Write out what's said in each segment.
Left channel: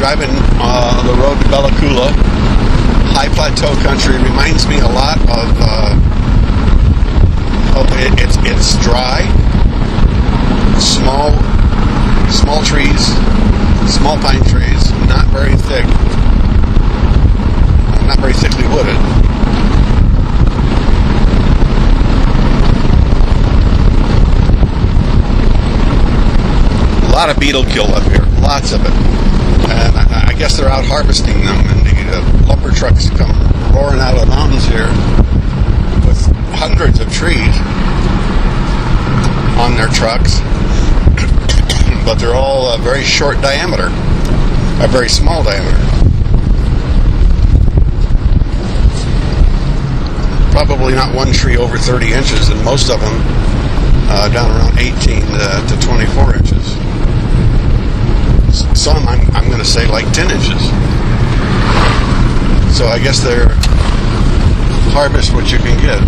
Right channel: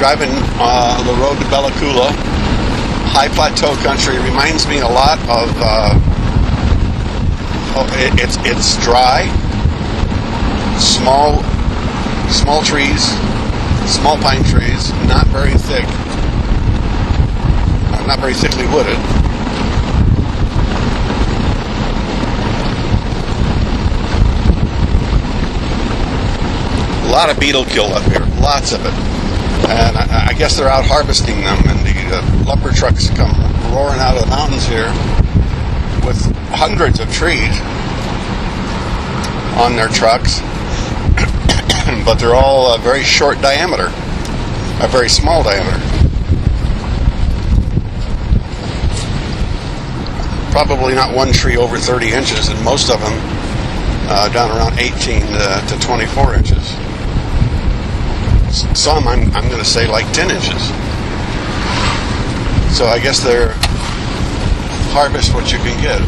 driving the road to Bella Coola. High plateau country reminds me a lot of. It's dry, small trees, small pine trees, not very thick, not very thickly wooded. A lot of beetle kill up here, lots of it. And I guess they're out harvesting them, and the lumber trucks come roaring out of the mountains here with hundreds of trees on their trucks, but they're all a very short diameter, a very small diameter. Probably not one tree over 30 inches, and most of them down around 18 to 24 inches. Some, I'm going to say, like 10 inches. So I guess they're harvest what you can get.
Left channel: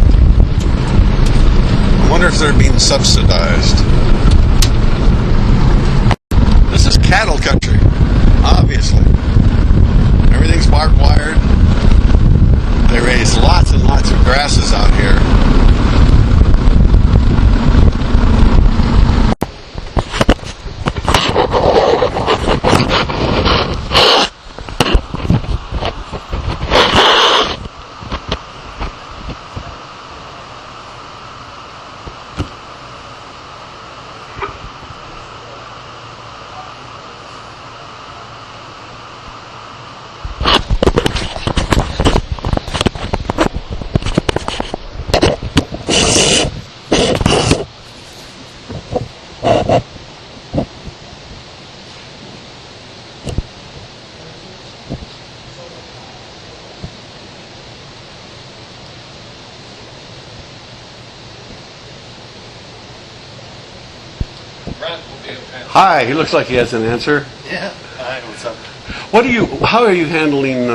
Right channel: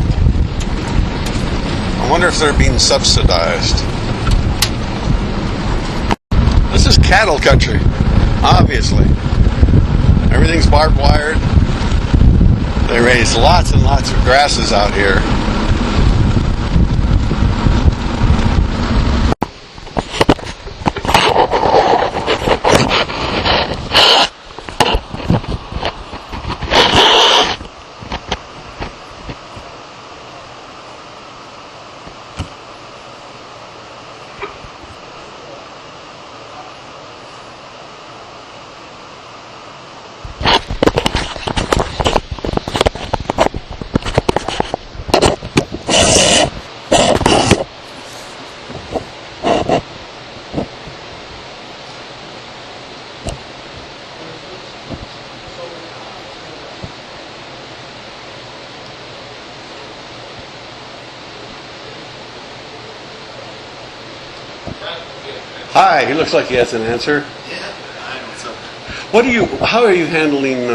I wonder if they're being subsidized. This is cattle country, obviously. Everything's barbed wired. They raise lots and lots of grasses out here. Hi, he looks like he has an answer. Yeah. Hi, what's up? How are you handling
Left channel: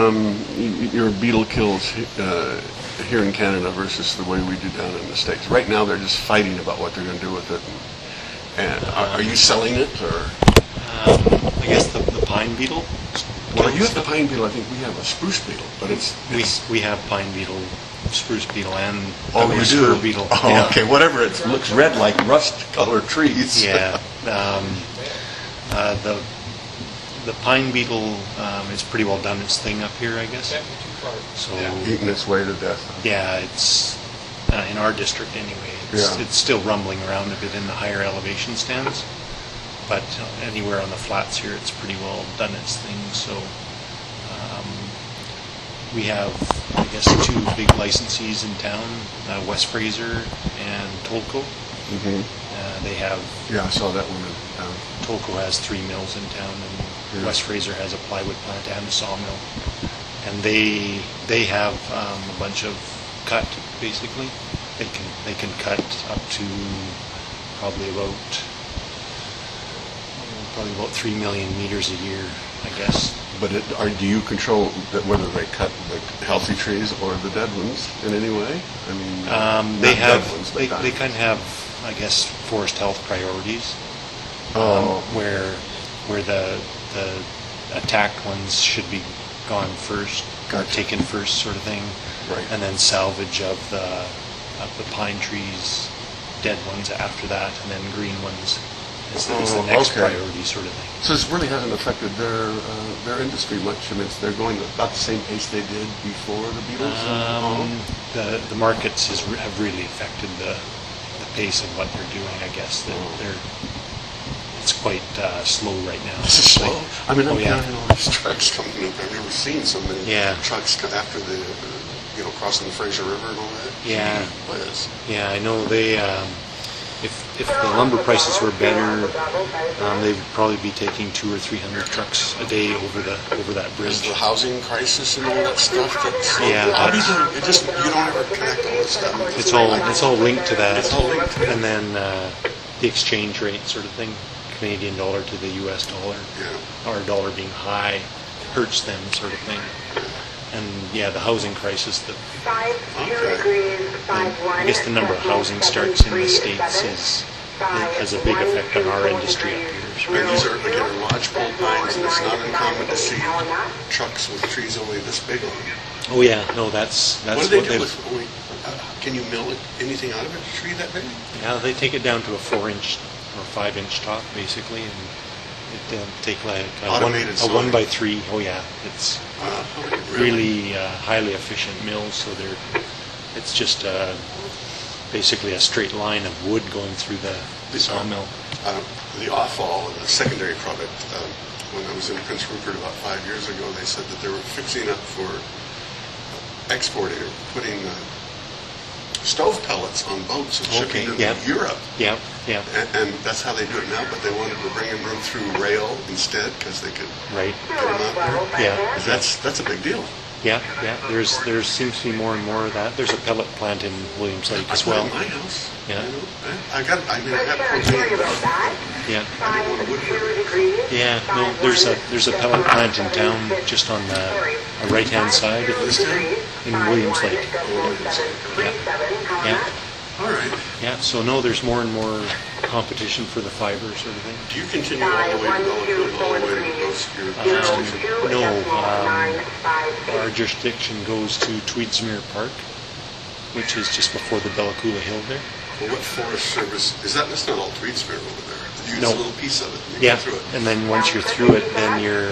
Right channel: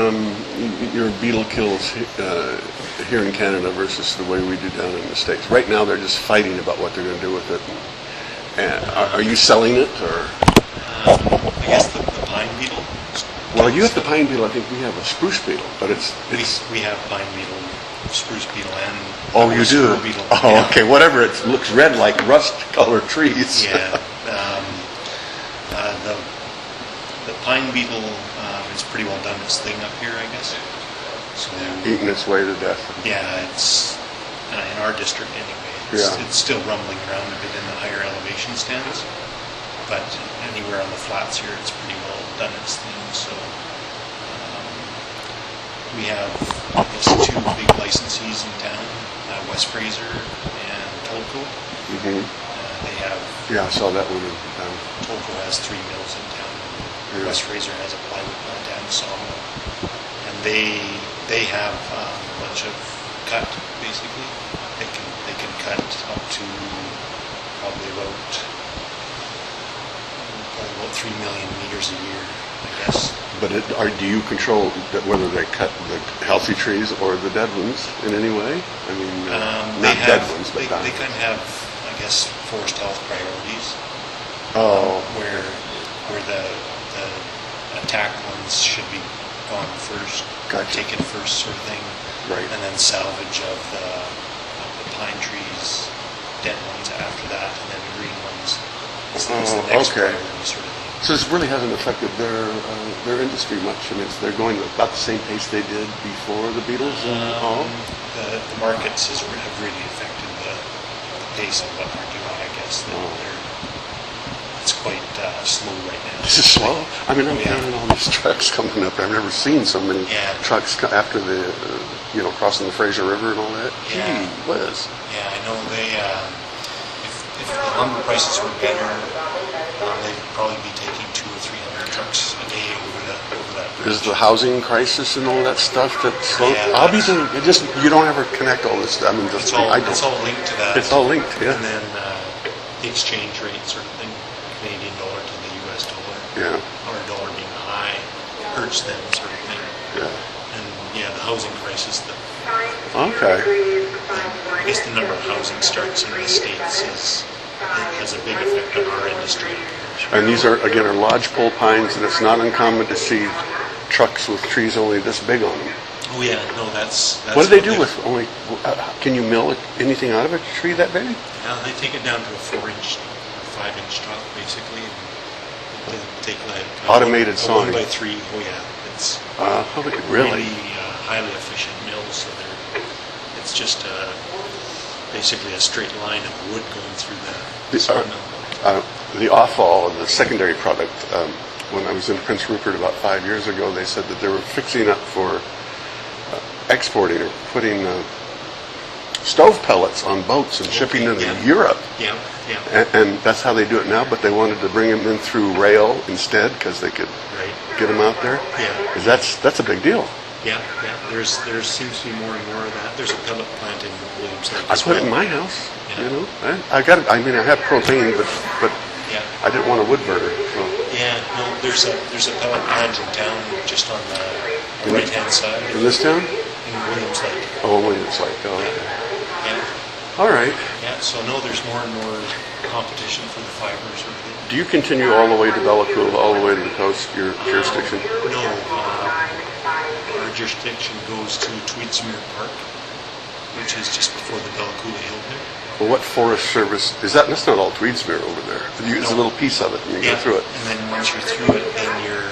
your beetle kills here in Canada versus the way we do down in the States? Right now, they're just fighting about what they're going to do with it. And are you selling it, or? I guess the pine beetle. Well, you have the pine beetle. I think we have a spruce beetle, but we have pine beetle, spruce beetle, and you do. Beetle. Oh, yeah. Okay. Whatever. It looks red like rust-colored trees. Yeah. The pine beetle is pretty well done its thing up here, I guess. So Eating its way to death. yeah, it's in our district anyway. It's still rumbling around a bit in the higher elevation stands, but anywhere on the flats here, it's pretty well done its thing. So we have, I guess, two big licensees in town: West Fraser and Tolko. Mm-hmm. They have. Yeah, I saw that one in town. Tolko has 3 mills in town, and West Fraser has a plywood plant and a sawmill. And they have a bunch of cut, basically. They can cut up to probably about 3 million meters a year, I guess. But do you control whether they cut the healthy trees or the dead ones in any way? I mean, they have. Dead ones, but they kind of have, I guess, forest health priorities. Where the attacked ones should be gone first, Gotcha. taken first, sort of thing. Right. And then salvage of the pine trees, dead ones after that, and then green ones is the next priority, sort of thing. So this really hasn't affected their industry much. I mean, they're going about the same pace they did before the beetles. The markets have really affected the pace of what they're doing. I guess it's quite slow right now. This is slow. I mean, I'm hearing all these trucks coming up. I've never seen so many trucks after the crossing the Fraser River and all that. Yeah. Gee whiz. Yeah, I know they. If the lumber prices were better, they'd probably be taking 200 or 300 trucks a day over that bridge. Is the housing crisis and all that stuff that's slow? Yeah, I'll be doing it. Just you don't ever connect all this stuff. I mean, it's all linked to that. It's all linked. Yeah. And then the exchange rate, sort of thing, Canadian dollar to the U.S. dollar. Yeah. Our dollar being high hurts them, sort of thing. Yeah. And the housing crisis. Okay. I guess the number of housing starts in the States is it has a big effect on our industry up here. And these are, again, are lodgepole pines, and it's not uncommon to see trucks with trees only this big on them. Oh yeah, no, that's What do they do with only? Can you mill anything out of a tree that big? Yeah, they take it down to a 4-inch or 5-inch top, basically, and take like Automated a sawing. 1x3. Oh yeah, it's really highly efficient mills. So it's just basically a straight line of wood going through the sawmill. The offal and the secondary product. When I was in Prince Rupert about 5 years ago, they said that they were fixing up for exporting or putting stove pellets on boats and shipping them to Europe. Yeah. And that's how they do it now, but they wanted to bring them in through rail instead because they could get them out there. Yeah. 'Cause that's a big deal. Yeah. There seems to be more and more of that. There's a pellet plant in Williams Lake I as put well. it in my house. Yeah. You know, I have propane, but Yeah. I didn't want a wood burner. So. Yeah. No, there's a pellet plant in town, just on the right-hand side. In this town? In Williams Lake. Oh, Williams Lake. Oh, Yeah. okay. Yeah. All right. Yeah. So no, there's more and more competition for the fiber sort of thing. Do you continue all the way to Bella Coola, all the way to the coast, your jurisdiction? No, our jurisdiction goes to Tweedsmuir Park, which is just before the Bella Coola Hill there. Well, what Forest Service is that? That's not all Tweedsmuir over there. There's a little piece of it, and you go through it. And then once you're through it, then you're.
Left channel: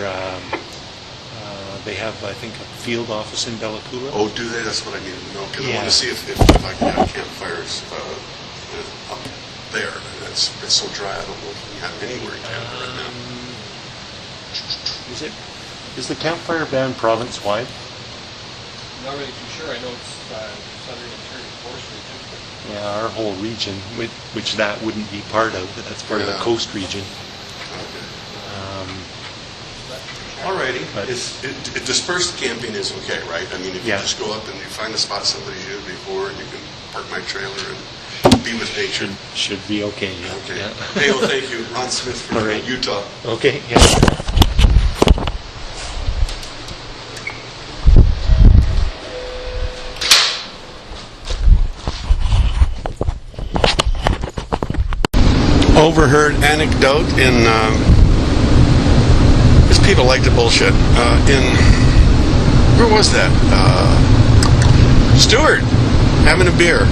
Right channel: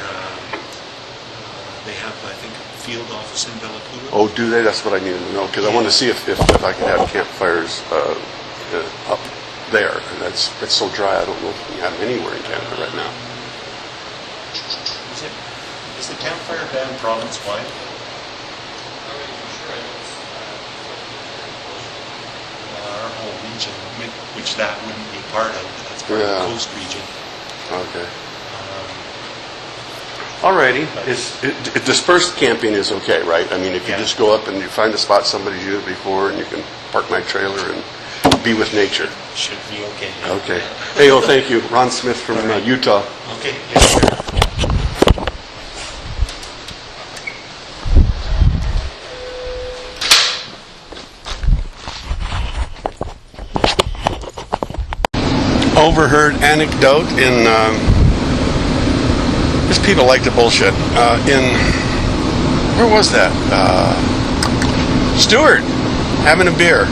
They have, I think, a field office in Bella Coola. Oh, do they? That's what I needed to know because I wanted to see if I could have campfires up there. And it's so dry. I don't know if we have them anywhere in Canada right now. Is the campfire ban province-wide? Not really too sure. I know it's Yeah, our whole region, which that wouldn't be part of, but that's part of the coast region. Okay. Alrighty. Dispersed camping is okay, right? I mean, if you just go up and you find a spot somebody's used before, and you can park my trailer and be with nature. Should be okay. Yeah. Okay. Yeah. Hey, thank you, Ron Smith from Utah. Okay. Yeah. Overheard anecdote in. Because people like to bullshit. Where was that? Stewart, having a beer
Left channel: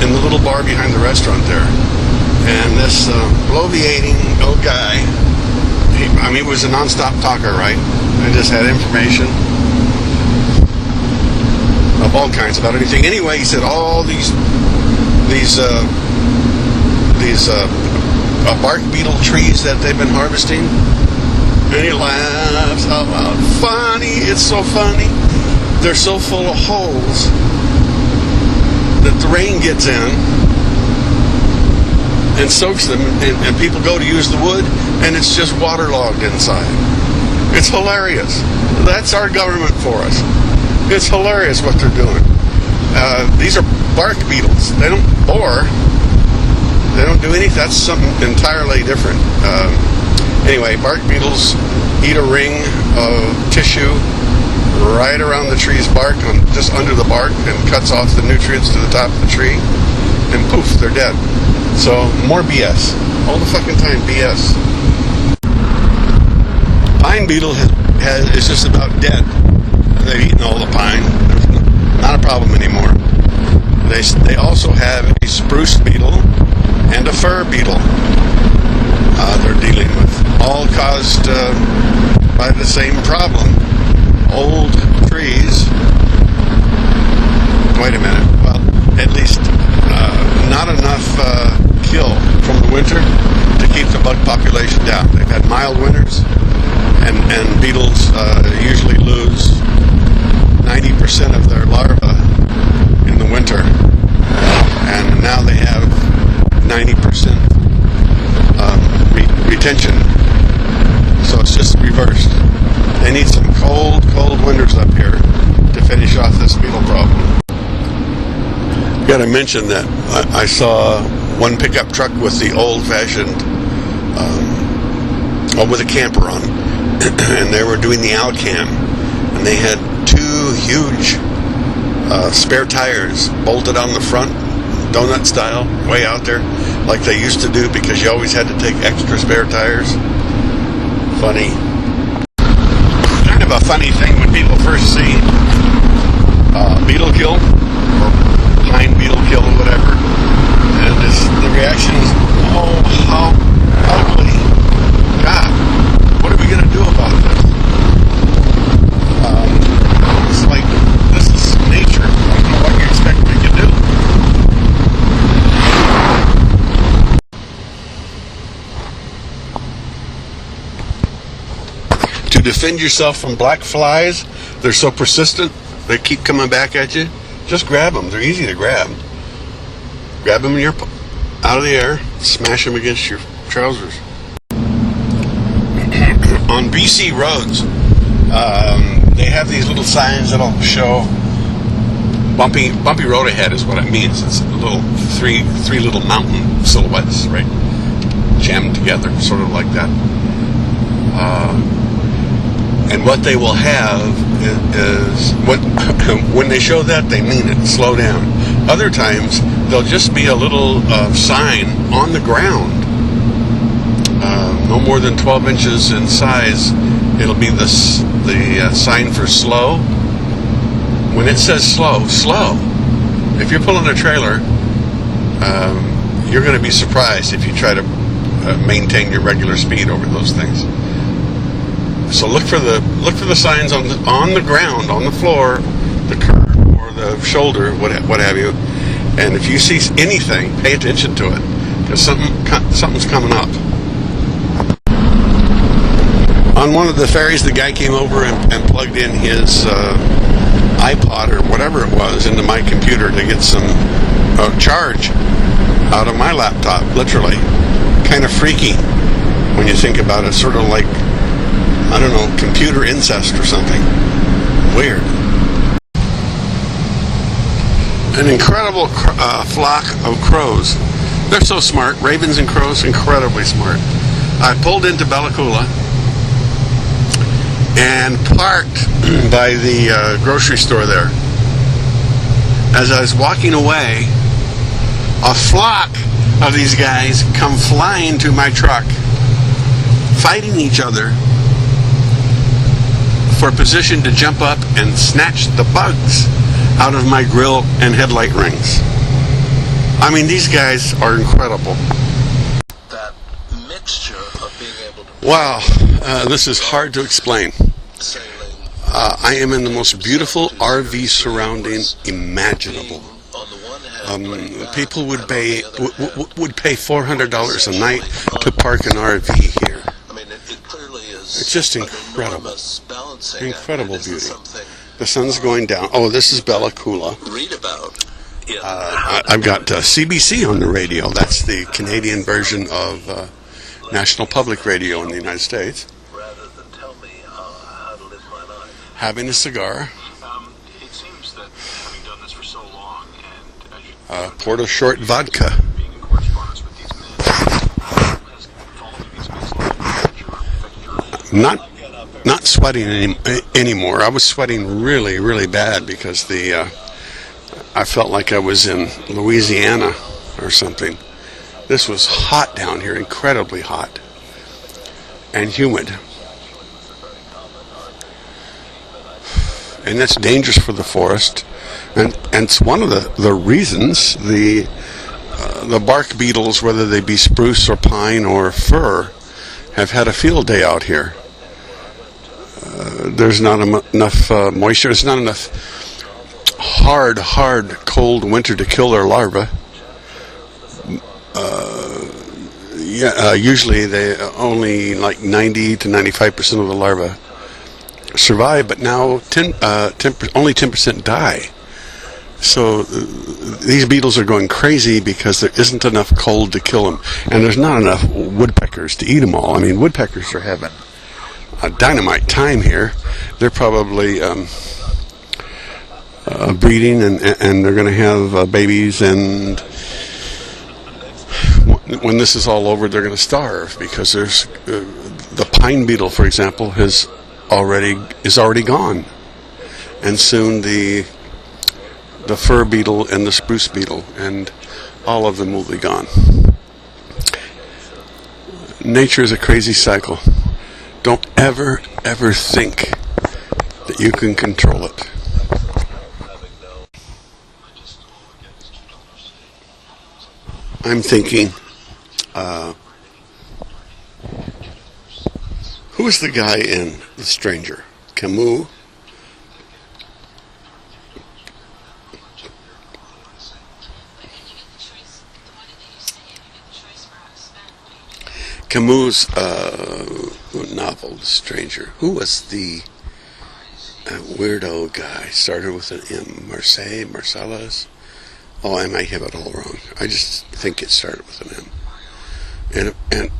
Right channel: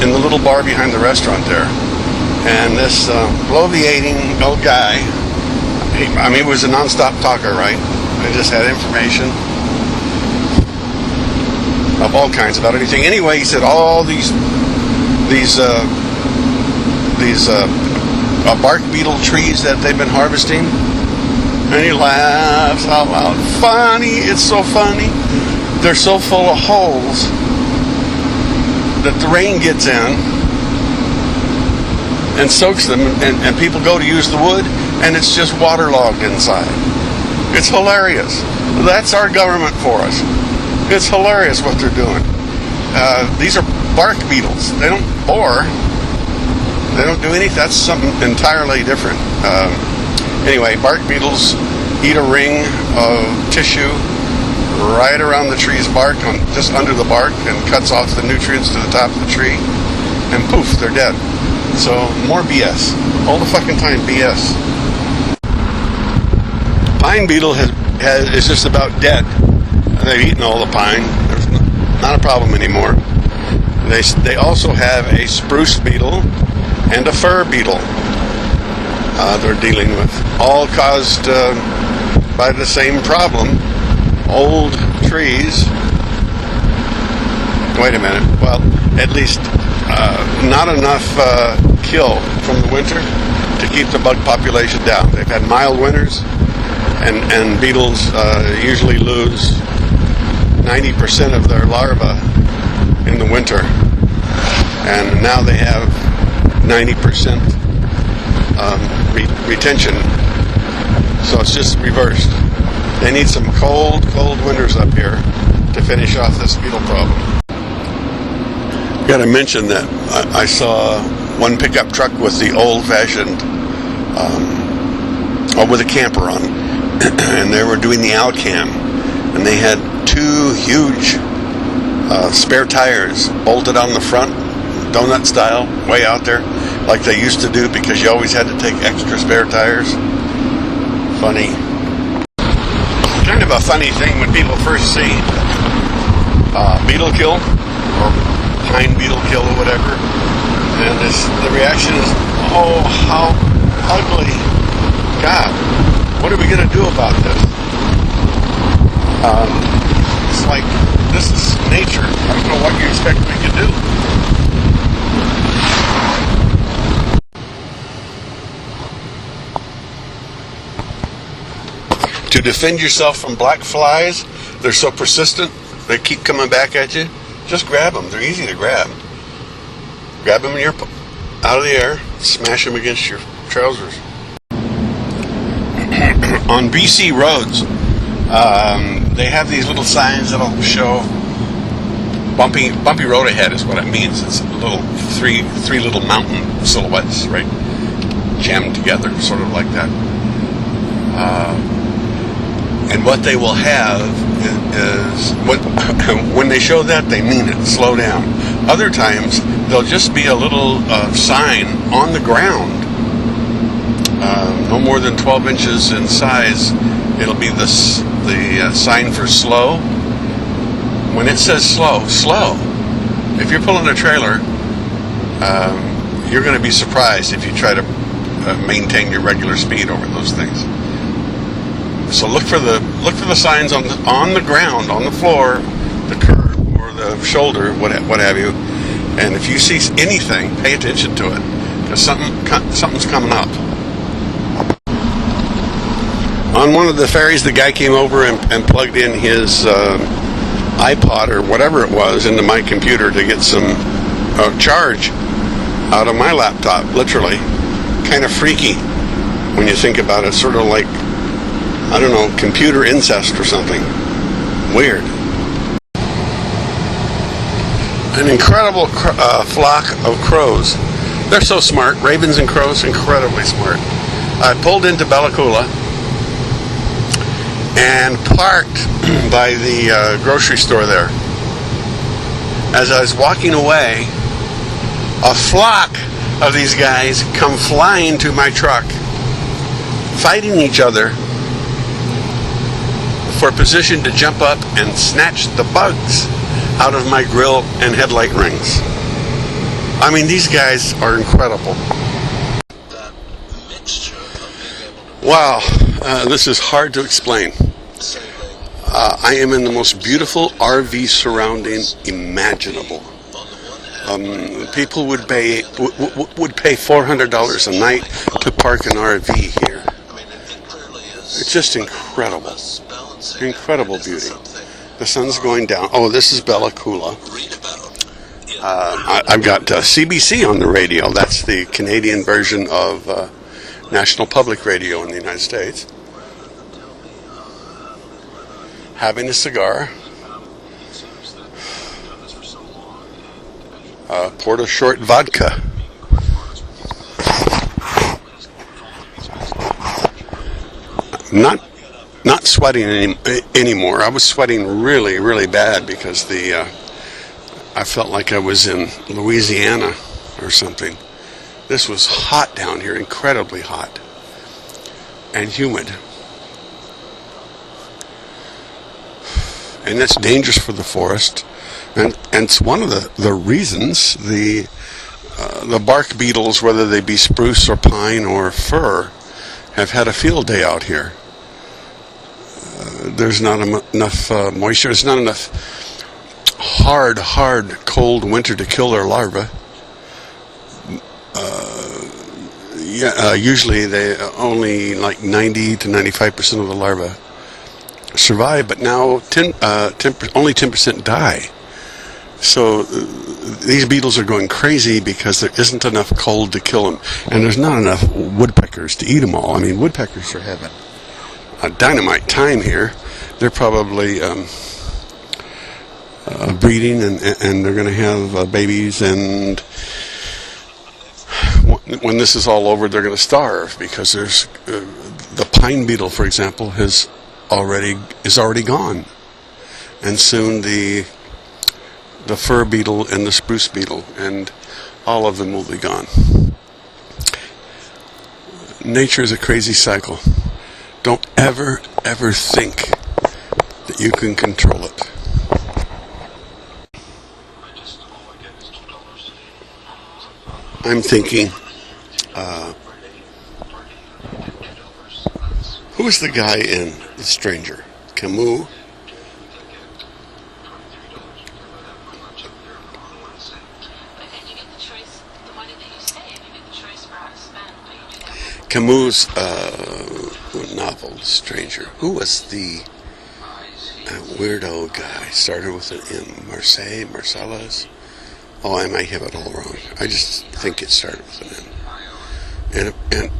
in the little bar behind the restaurant there. And this bloviating old guy, he was a nonstop talker, right? He just had information of all kinds about anything. Anyway, he said all these bark beetle trees that they've been harvesting. And he laughs out loud. Funny, it's so funny. They're so full of holes that the rain gets in and soaks them, and people go to use the wood, and it's just waterlogged inside. It's hilarious. That's our government for us. It's hilarious what they're doing. These are bark beetles. They don't bore. They don't do anything. That's something entirely different. Anyway, bark beetles eat a ring of tissue right around the tree's bark, just under the bark, and cuts off the nutrients to the top of the tree, and poof, they're dead. So, more BS. All the fucking time, BS. Pine beetle is just about dead. They've eaten all the pine. There's not a problem anymore. They also have a spruce beetle and a fir beetle they're dealing with, all caused by the same problem. Old trees. Wait a minute. Well, at least not enough kill from the winter to keep the bug population down. They've had mild winters, and beetles usually lose 90% of their larvae in the winter, and now they have 90% retention. So it's just reversed. They need some cold winters up here to finish off this beetle problem. Got to mention that I saw one pickup truck with the old-fashioned, with a camper on, and they were doing the Alcam, and they had two huge spare tires bolted on the front donut style, way out there, like they used to do, because you always had to take extra spare tires. Funny. Kind of a funny thing when people first see beetle kill or pine beetle kill or whatever, and the reaction is, oh, how ugly. God, what are we going to do about this? It's like, this is nature. I don't know what you expect we can do. To defend yourself from black flies, they're so persistent, they keep coming back at you. Just grab them. They're easy to grab. Grab them out of the air, smash them against your trousers. On BC roads, they have these little signs that'll show bumpy road ahead is what it means. It's little three little mountain silhouettes, right, jammed together, sort of like that. And what they will have is when they show that, they mean it. Slow down. Other times there'll just be a little sign on the ground, no more than 12 inches in size. It'll be the sign for slow. When it says slow, slow. If you're pulling a trailer, you're going to be surprised if you try to maintain your regular speed over those things. So look for the signs on the ground, on the floor, the curb or the shoulder, what have you. And if you see anything, pay attention to it, because something's coming up. On one of the ferries, the guy came over and plugged in his iPod or whatever it was into my computer to get some charge out of my laptop. Literally, kind of freaky when you think about it. Sort of like, I don't know, computer incest or something. Weird. An incredible flock of crows. They're so smart. Ravens and crows, incredibly smart. I pulled into Bella Coola and parked by the grocery store there. As I was walking away, a flock of these guys come flying to my truck, fighting each other for position to jump up and snatch the bugs out of my grill and headlight rings. I mean, these guys are incredible. That mixture of being able to... Wow, this is hard to explain. I am in the most beautiful RV surrounding imaginable. People would pay $400 a night to park an RV here. It's just incredible. Incredible beauty. The sun's going down. Oh, this is Bella Coola. I've got CBC on the radio. That's the Canadian version of National Public Radio in the United States. Having a cigar. Poured a short vodka. Not sweating anymore. I was sweating really, really bad because I felt like I was in Louisiana or something. This was hot down here, incredibly hot and humid. And that's dangerous for the forest. And it's one of the reasons the bark beetles, whether they be spruce or pine or fir, have had a field day out here. There's not enough moisture. There's not enough hard, cold winter to kill their larvae. Usually they only like 90 to 95% of the larvae survive, but now only 10% die. So these beetles are going crazy because there isn't enough cold to kill them, and there's not enough woodpeckers to eat them all. I mean, woodpeckers are having a dynamite time here. They're probably breeding, and they're going to have babies, and when this is all over, they're going to starve because there's the pine beetle, for example, is already gone, and soon the the fir beetle and the spruce beetle, and all of them will be gone. Nature is a crazy cycle. Don't ever think that you can control it. I'm thinking, who was the guy in The Stranger? Camus? Camus' novel, The Stranger. Who was the weirdo guy? Started with an M. Marcellus? Oh, I might have it all wrong. I just think it started with an M.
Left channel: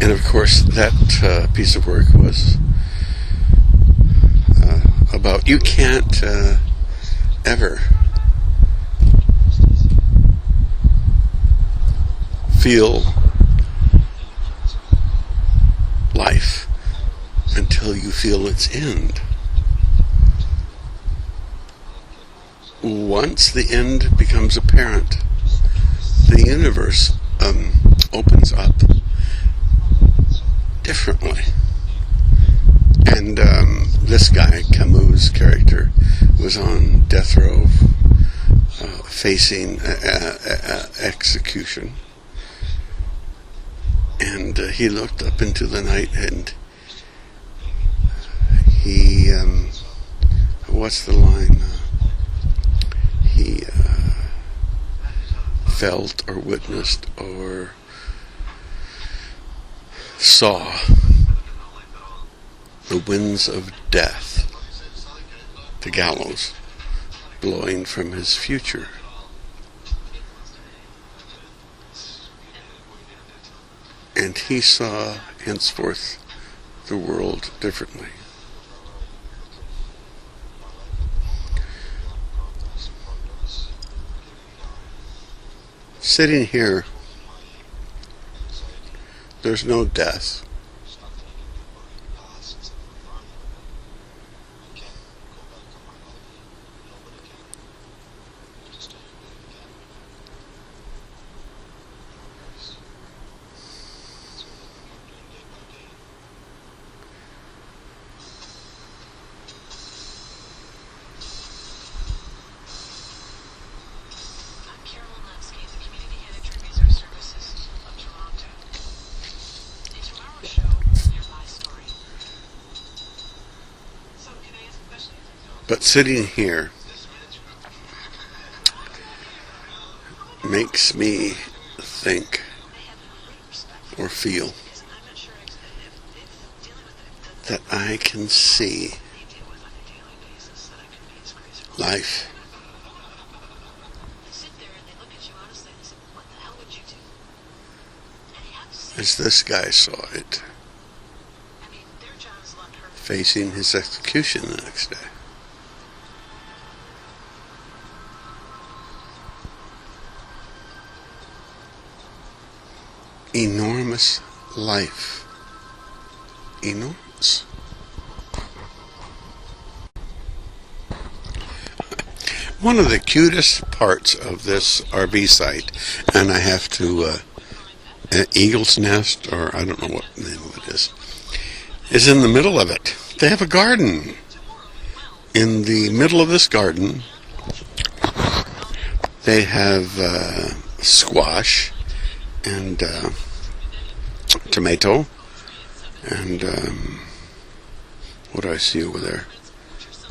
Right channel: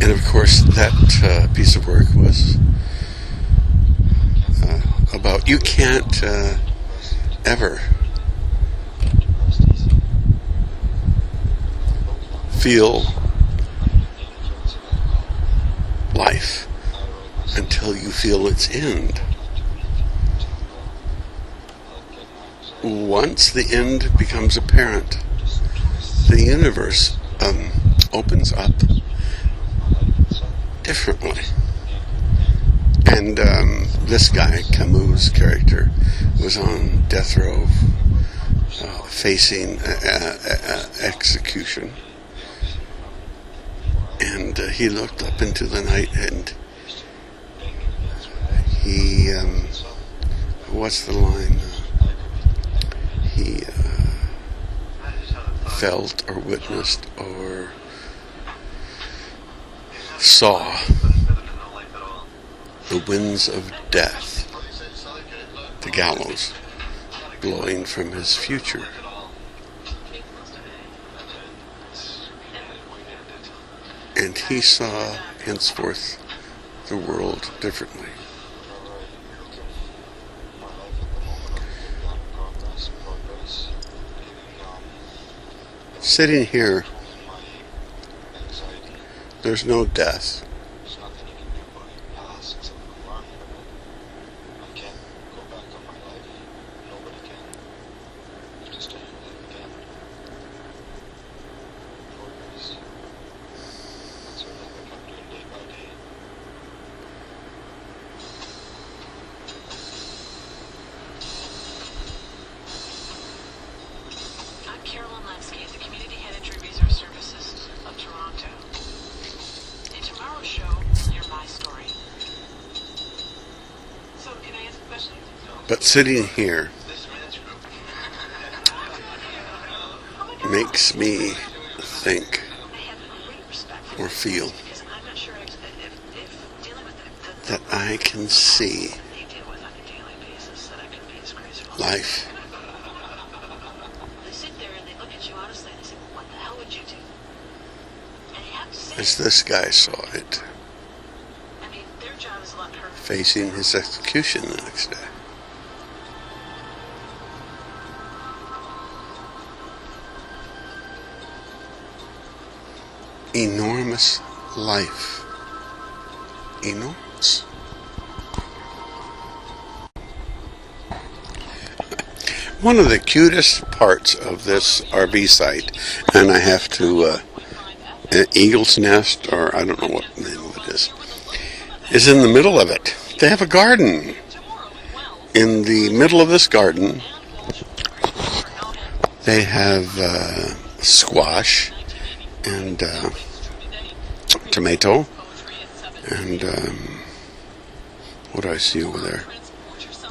And of course, that piece of work was about you can't ever feel life until you feel its end. Once the end becomes apparent, the universe opens up differently. And this guy, Camus' character, was on death row facing execution. And he looked up into the night and he, what's the line? He felt or witnessed or saw the winds of death, the gallows, blowing from his future. And he saw henceforth the world differently. Sitting here, there's no death. But sitting here makes me think or feel that I can see life as this guy saw it, facing his execution the next day. Enormous life. Enormous. One of the cutest parts of this RV site, and I have to, Eagle's Nest, or I don't know what the name of it is in the middle of it. They have a garden. In the middle of this garden, they have squash and tomato and what do I see over there?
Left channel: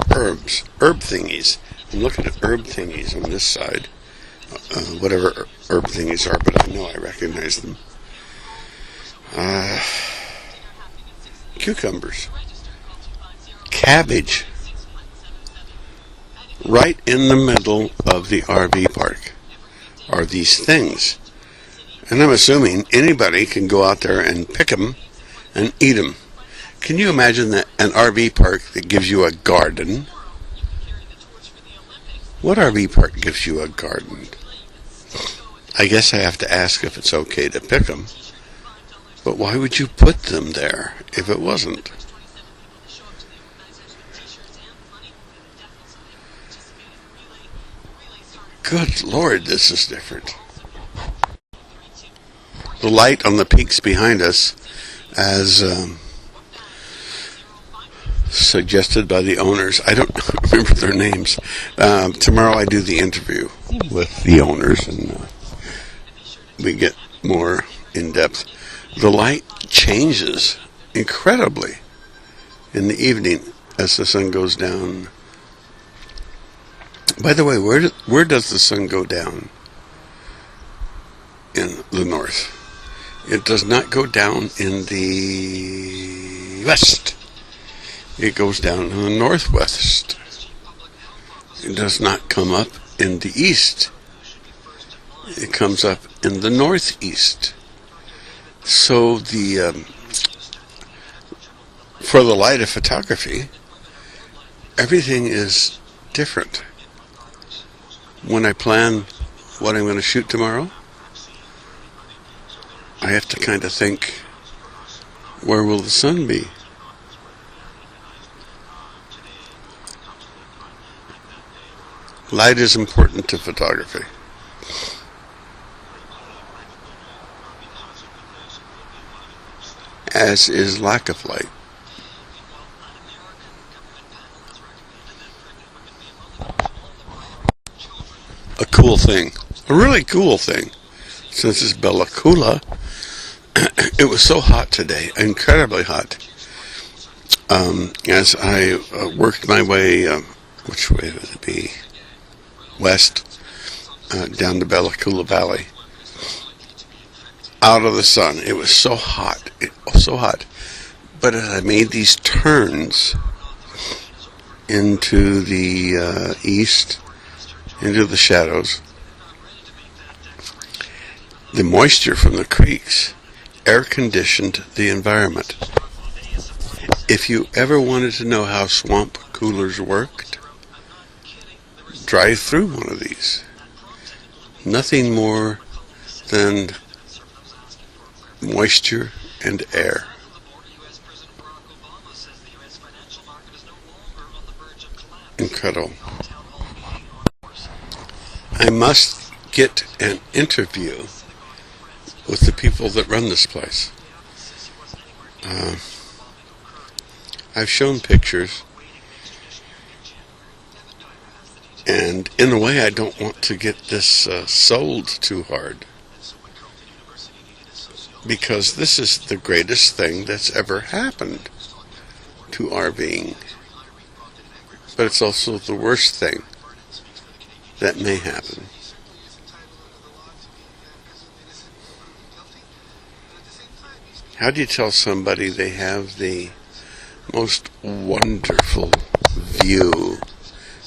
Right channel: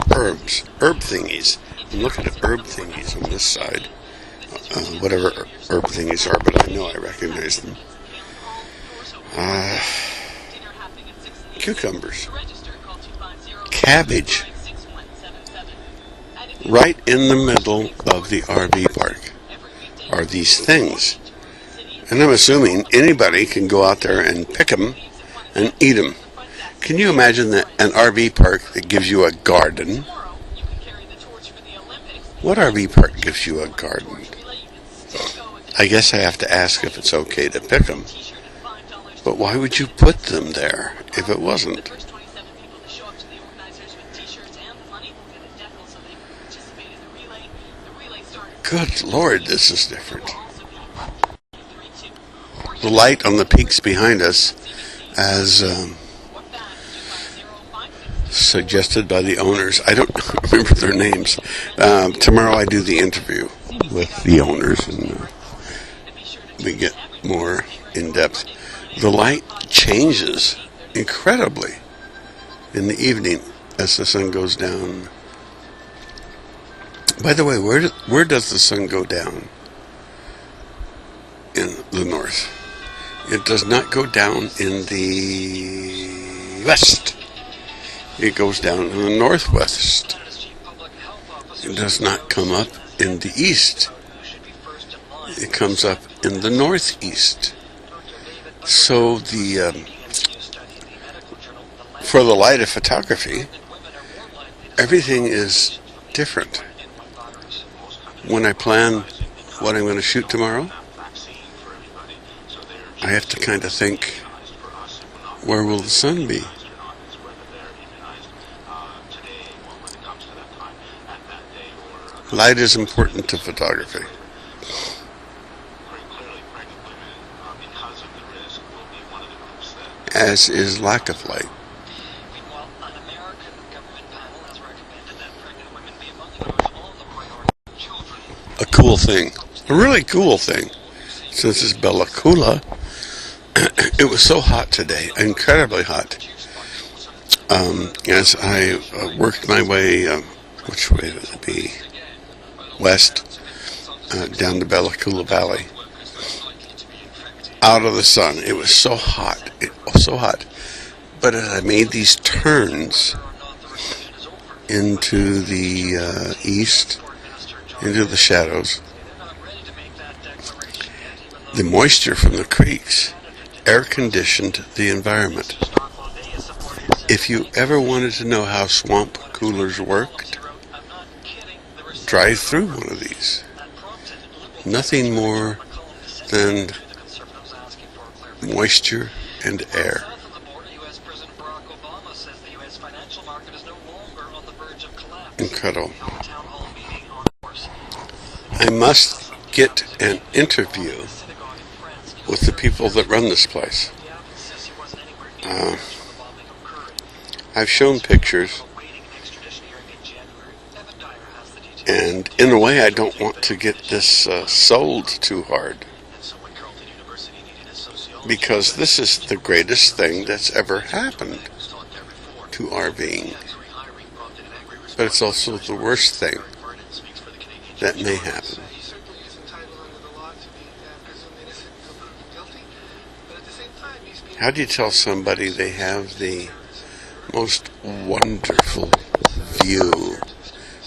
Herb thingies. I'm looking at herb thingies on this side. Whatever herb thingies are, but I know I recognize them. Cucumbers, cabbage, right in the middle of the RV park are these things. And I'm assuming anybody can go out there and pick them and eat them. Can you imagine that an RV park that gives you a garden? What RV park gives you a garden? I guess I have to ask if it's okay to pick them. But why would you put them there if it wasn't? Good Lord, this is different. The light on the peaks behind us, as suggested by the owners, I don't remember their names. Tomorrow I do the interview with the owners, and we get more in depth. The light changes incredibly in the evening as the sun goes down. By the way, where does the sun go down in the north? It does not go down in the west. It goes down in the northwest. It does not come up in the east. It comes up in the northeast. So for the light of photography, everything is different. When I plan what I'm going to shoot tomorrow, I have to kind of think, where will the sun be? Light is important to photography. As is lack of light. A cool thing, a really cool thing, since it's Bella Coola, it was so hot today, incredibly hot. As I worked my way, which way would it be? West, down to Bella Coola Valley, out of the sun. It was so hot, so hot. But as I made these turns into the east, into the shadows, the moisture from the creeks air conditioned the environment. If you ever wanted to know how swamp coolers worked, drive through one of these. Nothing more than moisture and air. Incredible. I must get an interview with the people that run this place. I've shown pictures, and in a way I don't want to get this sold too hard, because this is the greatest thing that's ever happened to RVing. But it's also the worst thing that may happen. How do you tell somebody they have the most wonderful view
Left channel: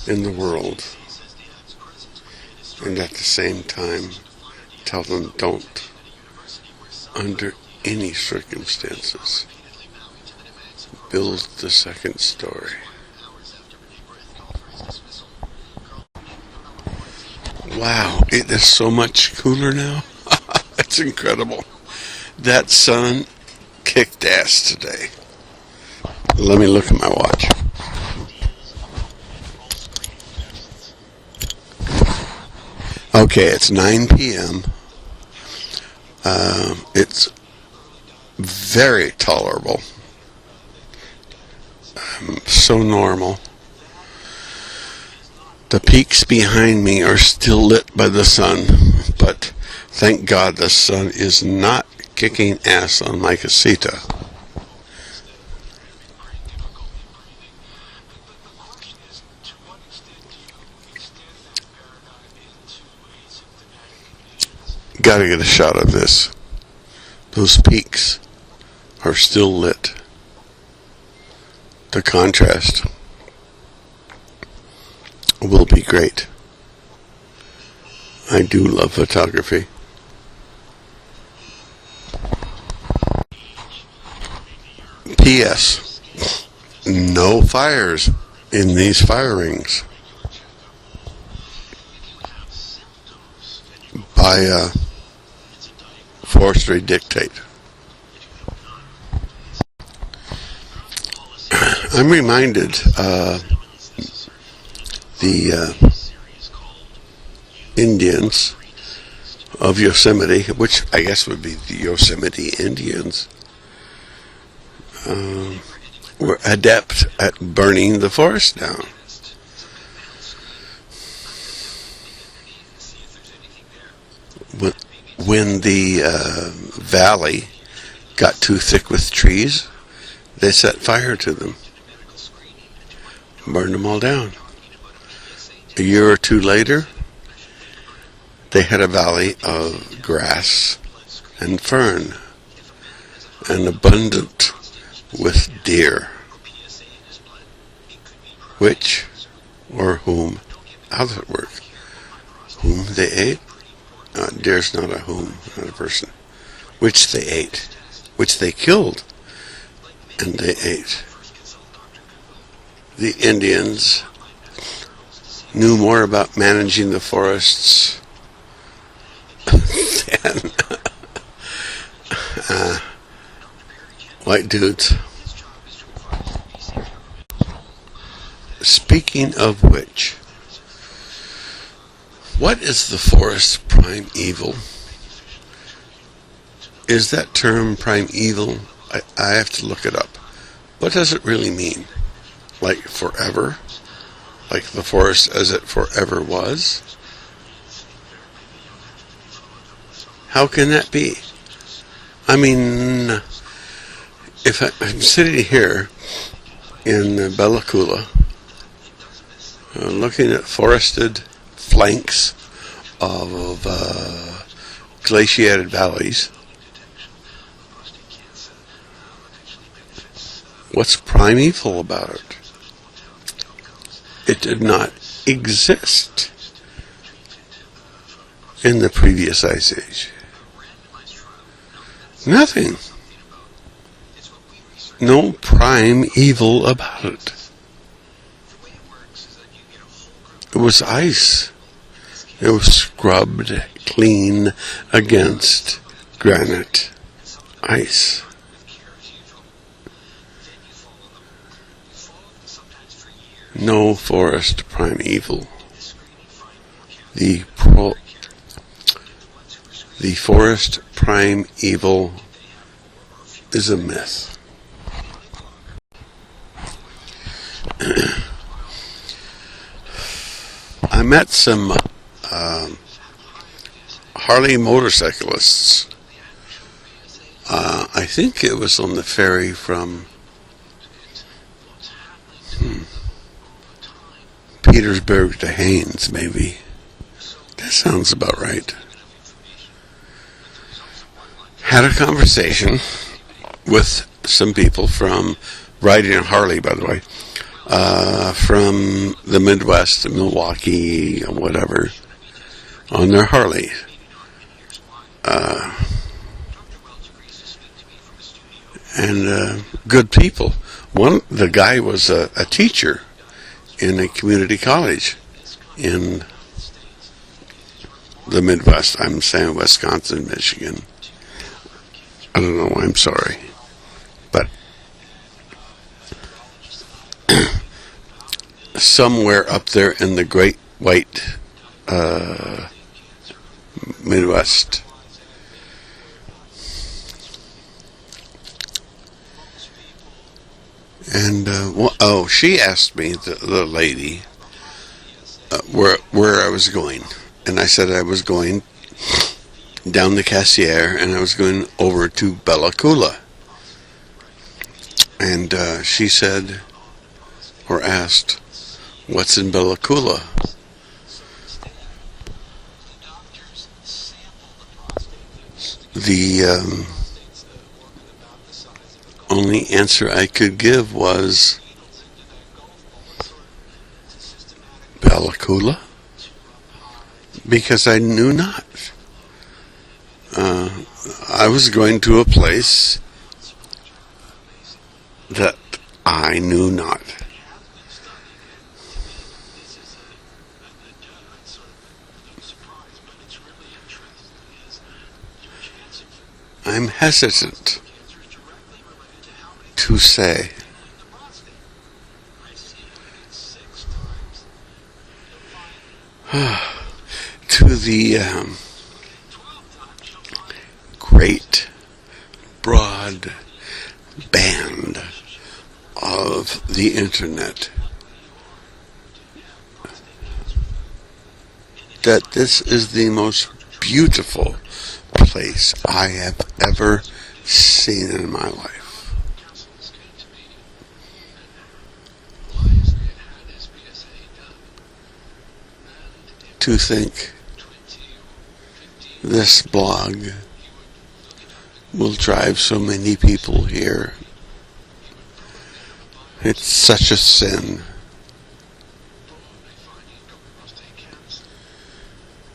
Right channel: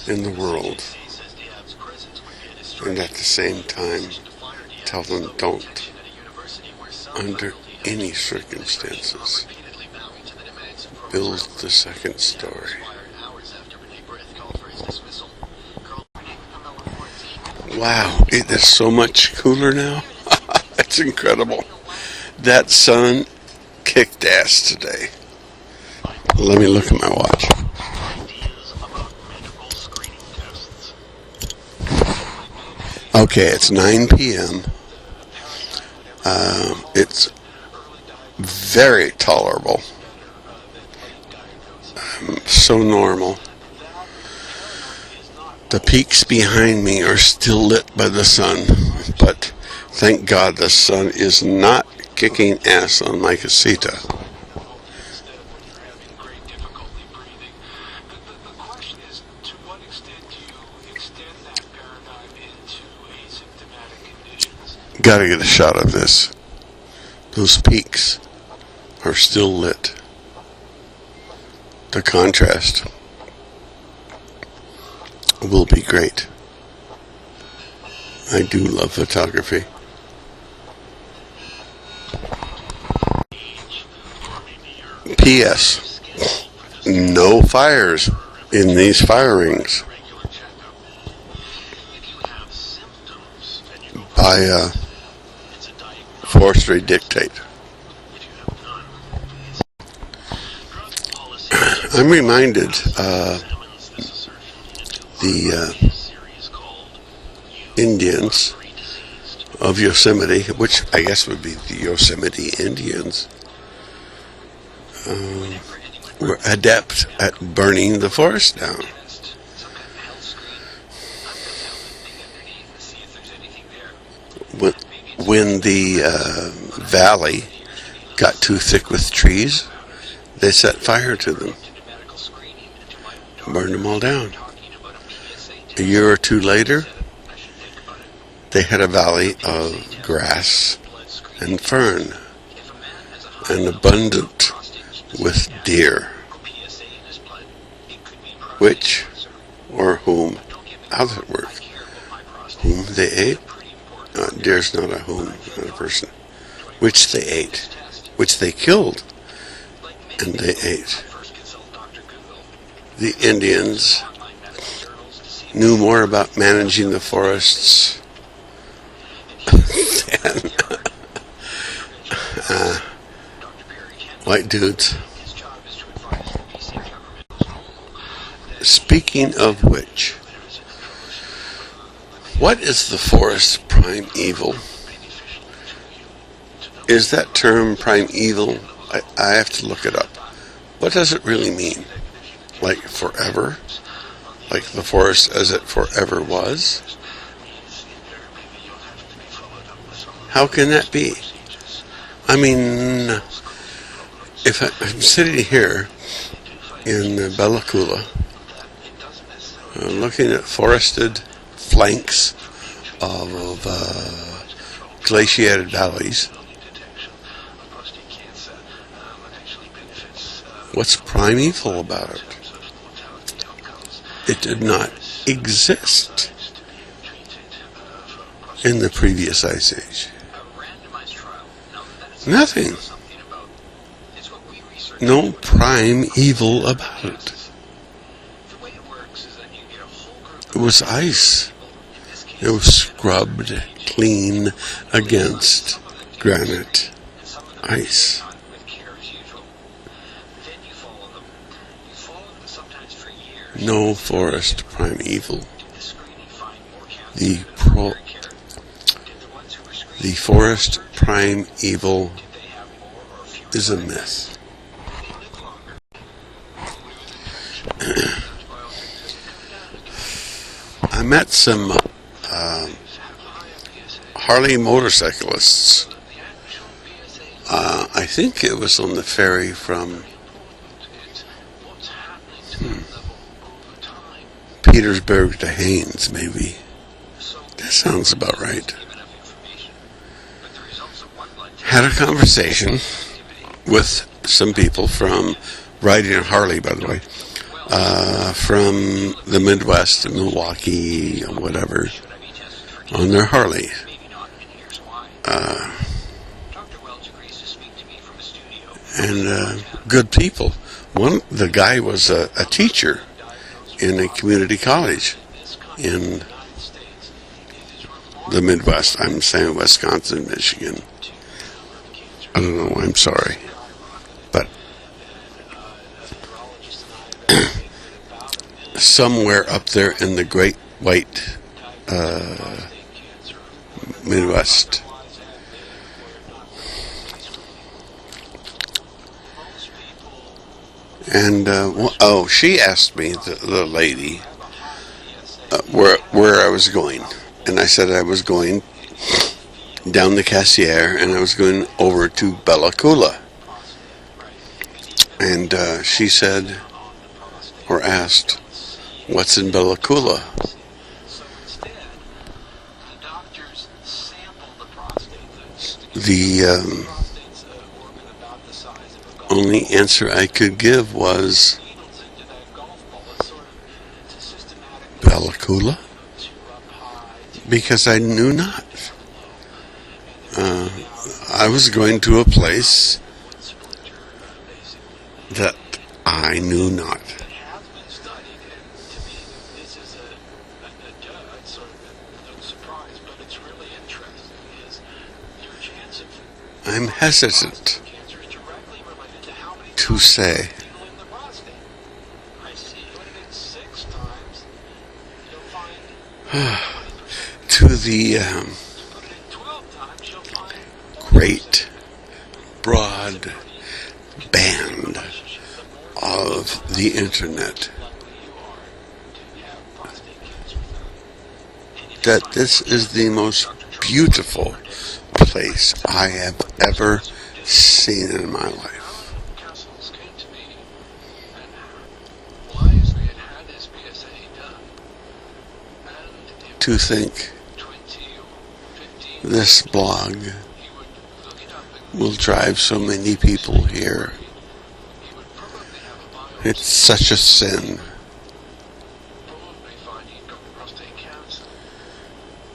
in the world, and at the same time tell them don't, under any circumstances, build the second story? Wow, it is so much cooler now. It's incredible. That sun kicked ass today. Let me look at my watch. Okay, it's 9 p.m. It's very tolerable. So normal. The peaks behind me are still lit by the sun, but thank God the sun is not kicking ass on my casita. Gotta get a shot of this. Those peaks are still lit. The contrast will be great. I do love photography. P.S. No fires in these fire rings by forestry dictate. I'm reminded the Indians of Yosemite, which I guess would be the Yosemite Indians, were adept at burning the forest down. When the valley got too thick with trees, they set fire to them, burned them all down. A year or two later, they had a valley of grass and fern, and abundant with deer, which, or whom, how does it work? Whom they ate? Deer's not a whom, not a person. Which they ate, which they killed, and they ate. The Indians knew more about managing the forests than white dudes. Speaking of which, what is the forest primeval? Is that term primeval? I have to look it up. What does it really mean? Like forever? Like the forest as it forever was? How can that be? I mean, if I'm sitting here in Bella Coola, looking at forested flanks of glaciated valleys, what's primeval about it? It did not exist in the previous ice age. Nothing. No primeval about it. It was ice. It was scrubbed clean against granite ice. No forest primeval. The forest primeval is a myth. I met some Harley motorcyclists. I think it was on the ferry from Petersburg to Haines, maybe. That sounds about right. Had a conversation with some people from riding a Harley, by the way, from the Midwest, Milwaukee, or whatever, on their Harley. And good people. The guy was a teacher in a community college in the Midwest. I'm saying Wisconsin, Michigan. I don't know. I'm sorry. But somewhere up there in the great white Midwest. And she asked me, the lady, where I was going, and I said I was going down the Cassier, and I was going over to Bella Coola. And she said, or asked, "What's in Bella Coola?" The only answer I could give was Bella Coola, because I knew not. I was going to a place that I knew not. I'm hesitant to say. to the great broad band of the internet, that this is the most beautiful place I have ever seen in my life. To think this blog will drive so many people here. It's such a sin.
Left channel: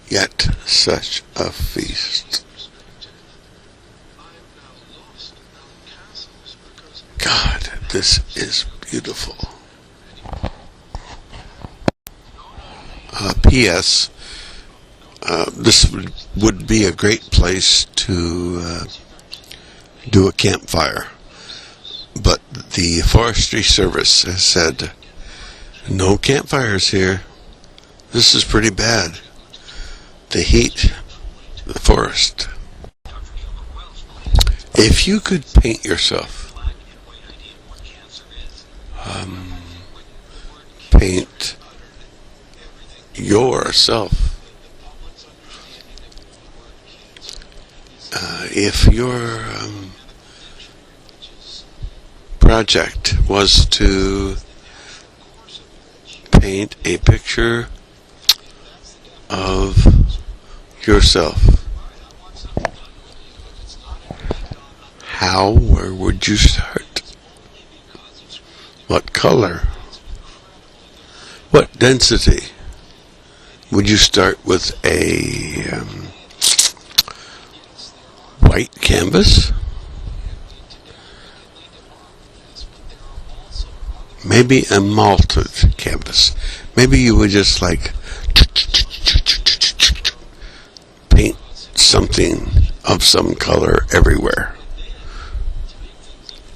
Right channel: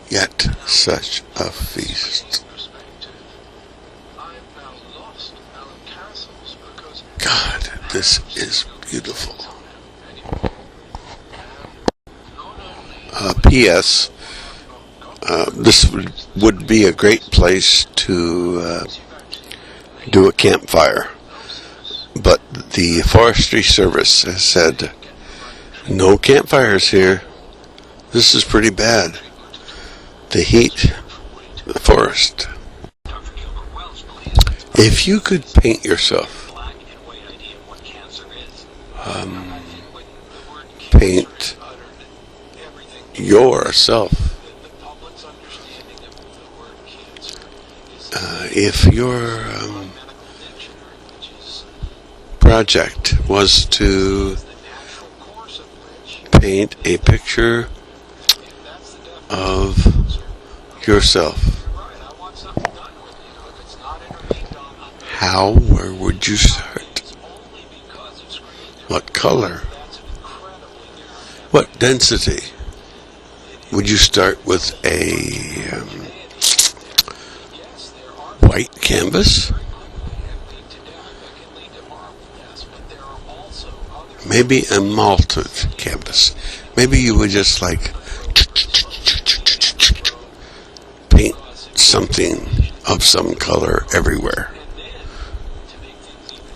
Yet such a feast. God, this is beautiful. P.S. This would be a great place to do a campfire. But the Forestry Service has said, no campfires here. This is pretty bad. The heat, the forest. If you could paint yourself, paint yourself. If your project was to paint a picture of yourself, where would you start? What color? What density? Would you start with a white canvas? Maybe a malted canvas. Maybe you would just like paint something of some color everywhere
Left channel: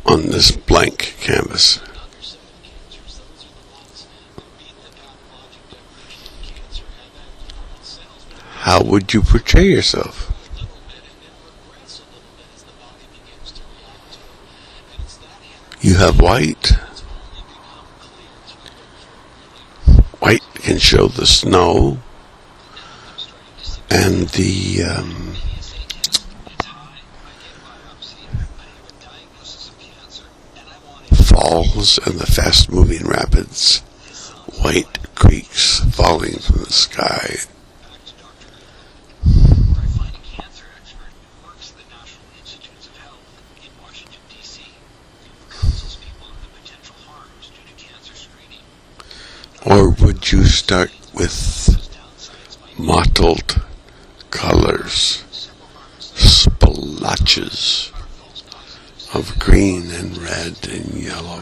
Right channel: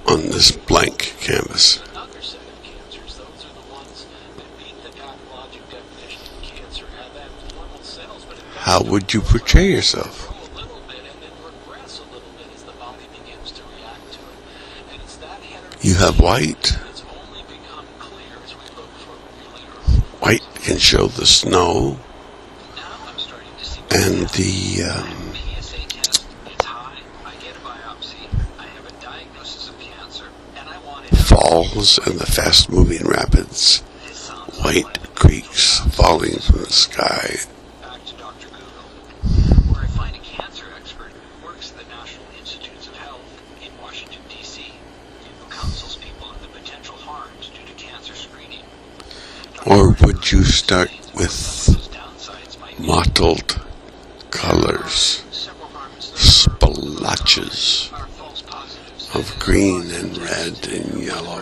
on this blank canvas. How would you portray yourself? You have white. White can show the snow and the falls and the fast-moving rapids, white creeks falling from the sky. Or would you start with mottled colors, splotches of green and red and yellow?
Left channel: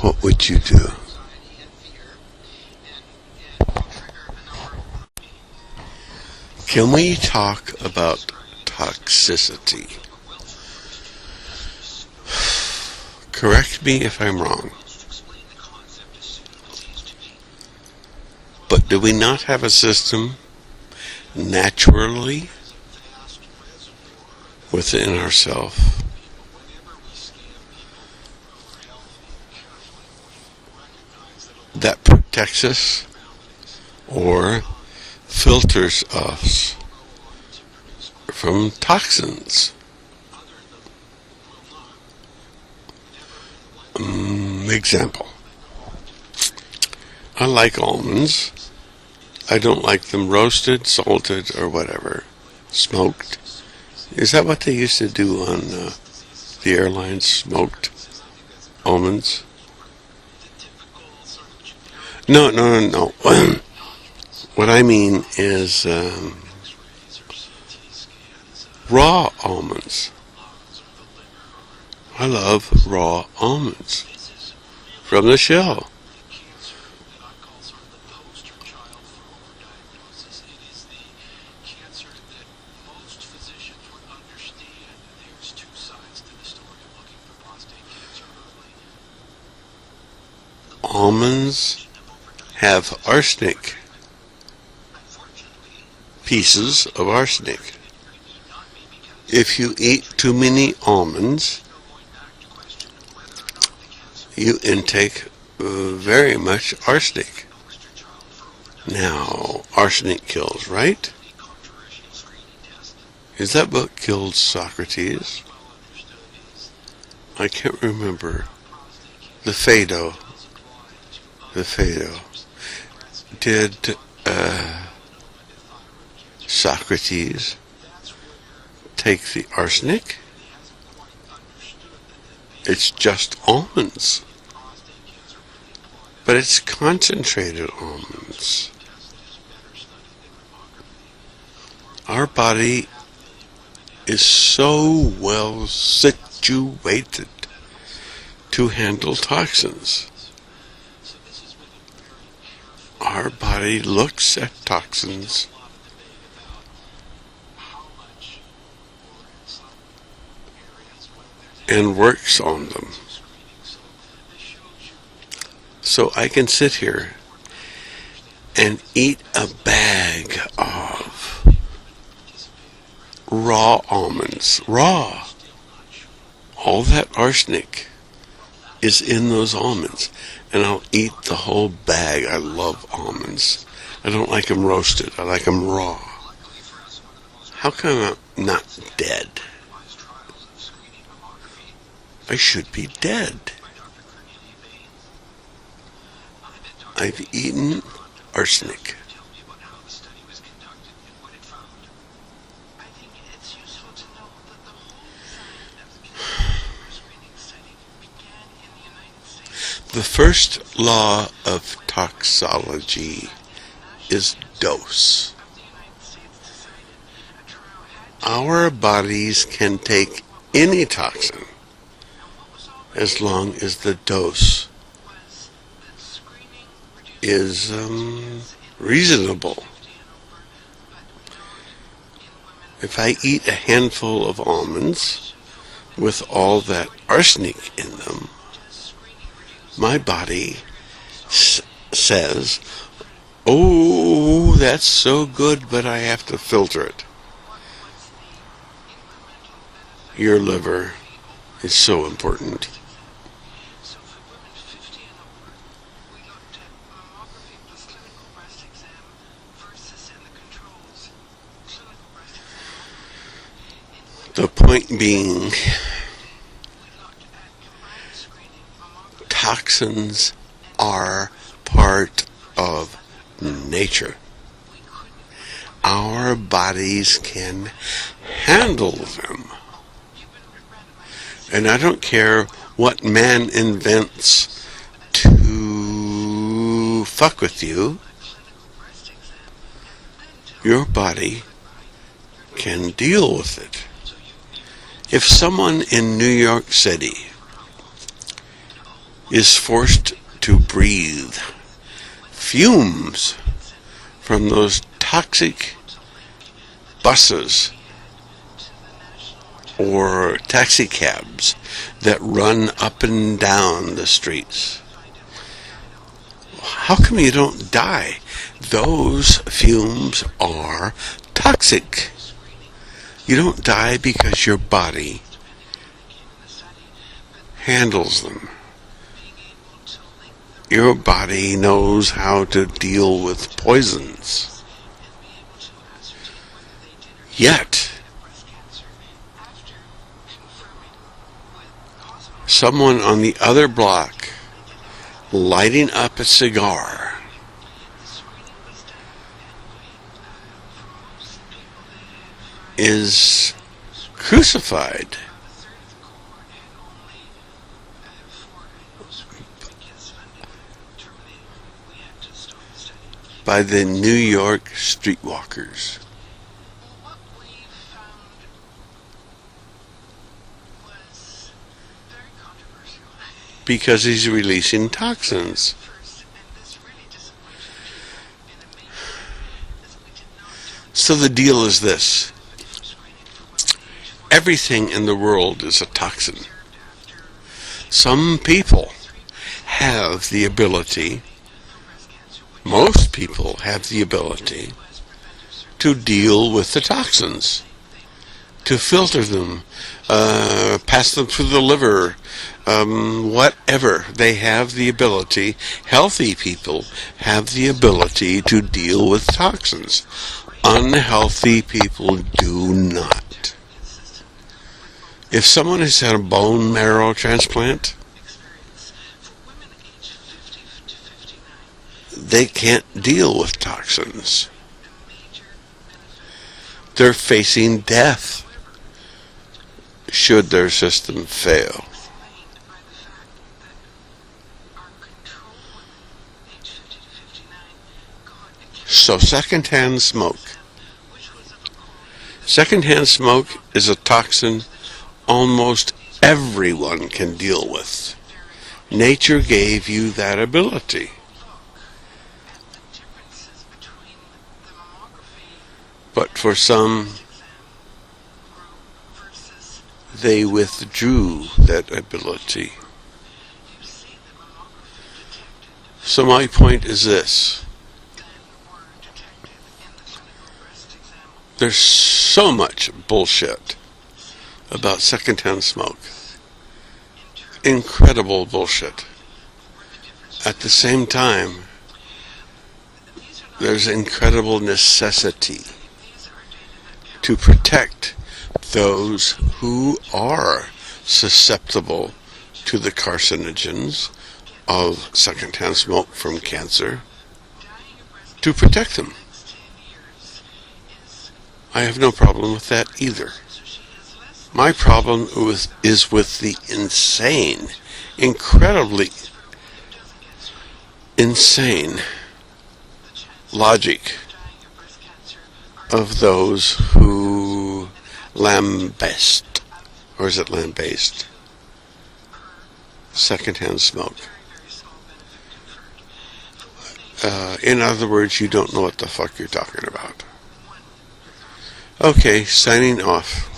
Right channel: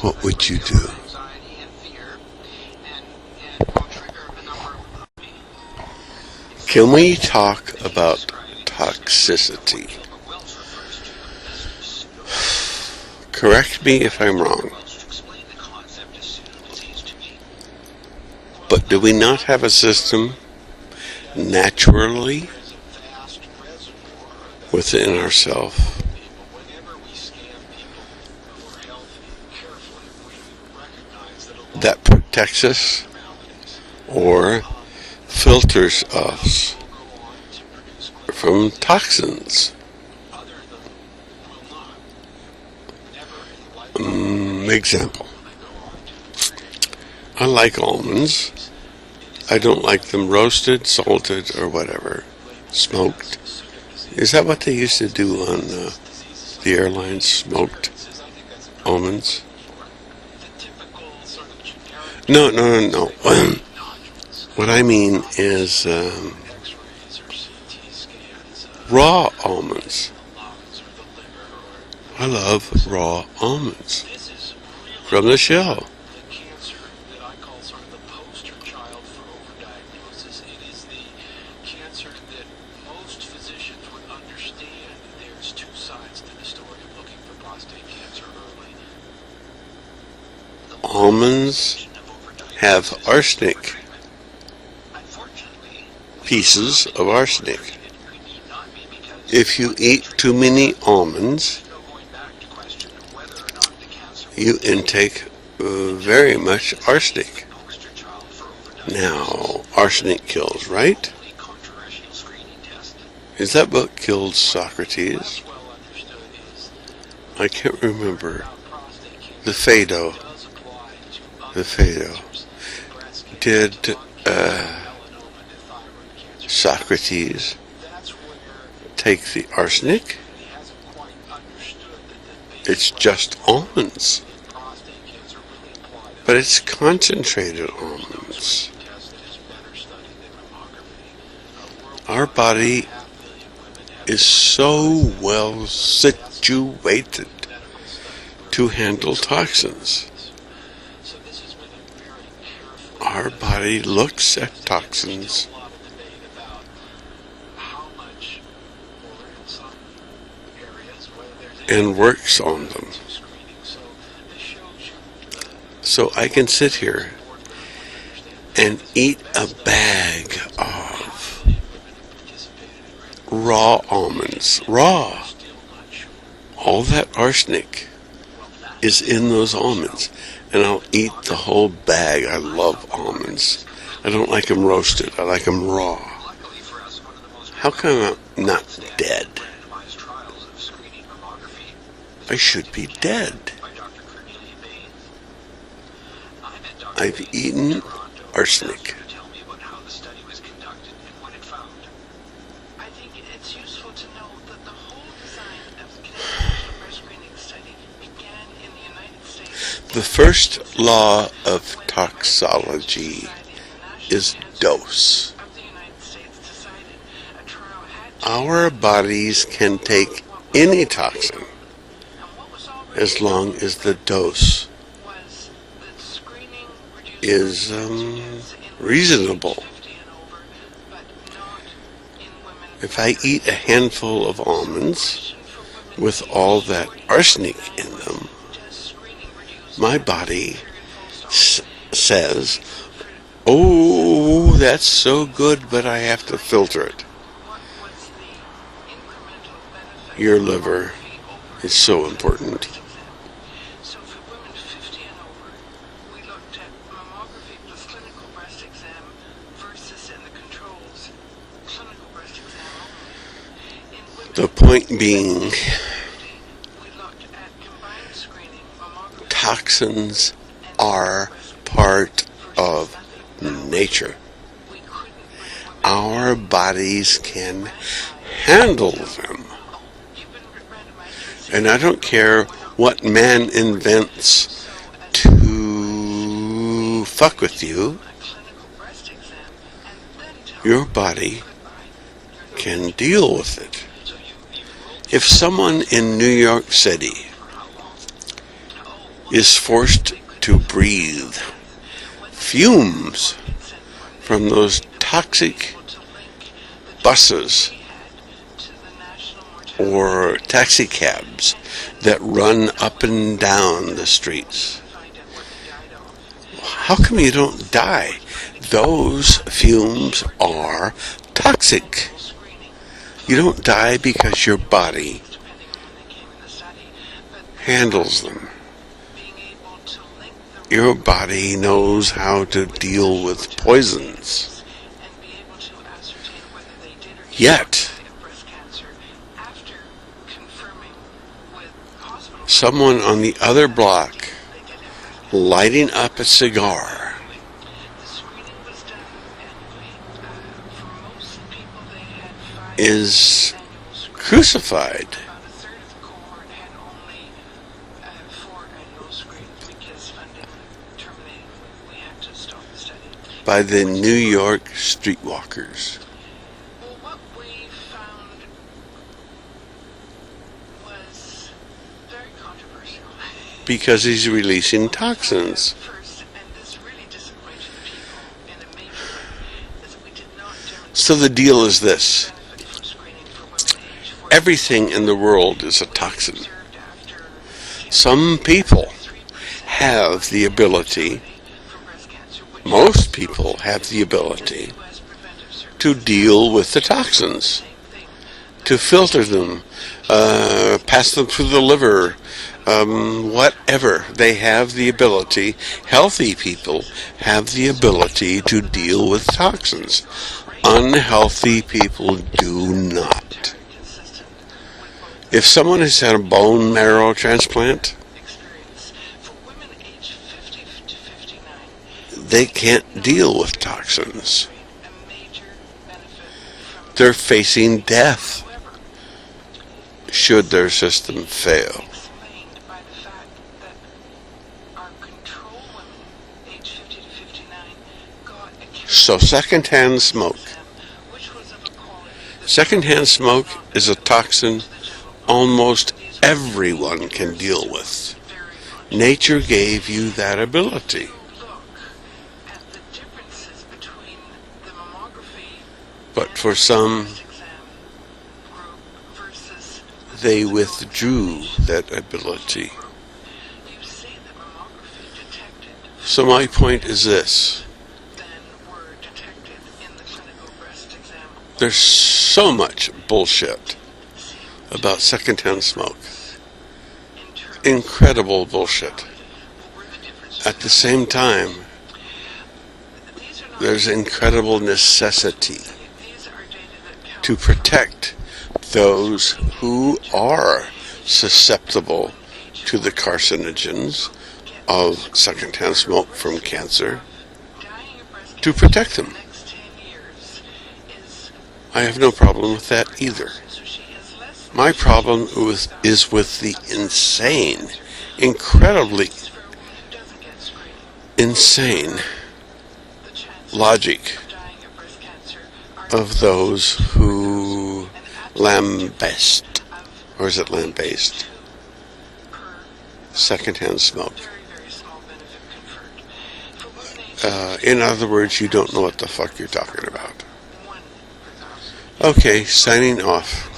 What would you do? Can we talk about toxicity? Correct me if I'm wrong. But do we not have a system naturally within ourselves that protects us or filters us from toxins? Example. I like almonds. I don't like them roasted, salted, or whatever. Smoked. Is that what they used to do on the airlines? Smoked almonds? No. What I mean is raw almonds. I love raw almonds from the shell. almonds have arsenic, pieces of arsenic. If you eat too many almonds, you intake very much arsenic. Now, arsenic kills, right? Is that what killed Socrates? I can't remember. The Phaedo. Did Socrates take the arsenic? It's just almonds. But it's concentrated almonds. Our body is so well situated to handle toxins. Our body looks at toxins and works on them. So I can sit here and eat a bag of raw almonds. Raw. All that arsenic is in those almonds. And I'll eat the whole bag. I love almonds. I don't like them roasted. I like them raw. How come I'm not dead? I should be dead. I've eaten arsenic. The first law of toxology is dose. Our bodies can take any toxin as long as the dose is reasonable. If I eat a handful of almonds with all that arsenic in them, my body says, oh, that's so good, but I have to filter it. Your liver is so important. The point being, toxins are part of nature. Our bodies can handle them. And I don't care what man invents to fuck with you. Your body can deal with it. If someone in New York City is forced to breathe fumes from those toxic buses or taxi cabs that run up and down the streets, how come you don't die? Those fumes are toxic. You don't die because your body handles them. Your body knows how to deal with poisons. Yet, someone on the other block lighting up a cigar is crucified by the New York streetwalkers. Because he's releasing toxins. So the deal is this. Everything in the world is a toxin. Some people have the ability, most people have the ability to deal with the toxins, to filter them, pass them through the liver, whatever. They have the ability, healthy people have the ability to deal with toxins. Unhealthy people do not. If someone has had a bone marrow transplant, they can't deal with toxins. They're facing death should their system fail. So secondhand smoke. Secondhand smoke is a toxin almost everyone can deal with. Nature gave you that ability. But for some, they withdrew that ability. So my point is this. There's so much bullshit about secondhand smoke. Incredible bullshit. At the same time, there's incredible necessity to protect those who are susceptible to the carcinogens of secondhand smoke from cancer, to protect them. I have no problem with that either. My problem is with the insane, incredibly insane logic of those who lambast, or is it lambast? Secondhand smoke. In other words, you don't know what the fuck you're talking about. Okay, signing off.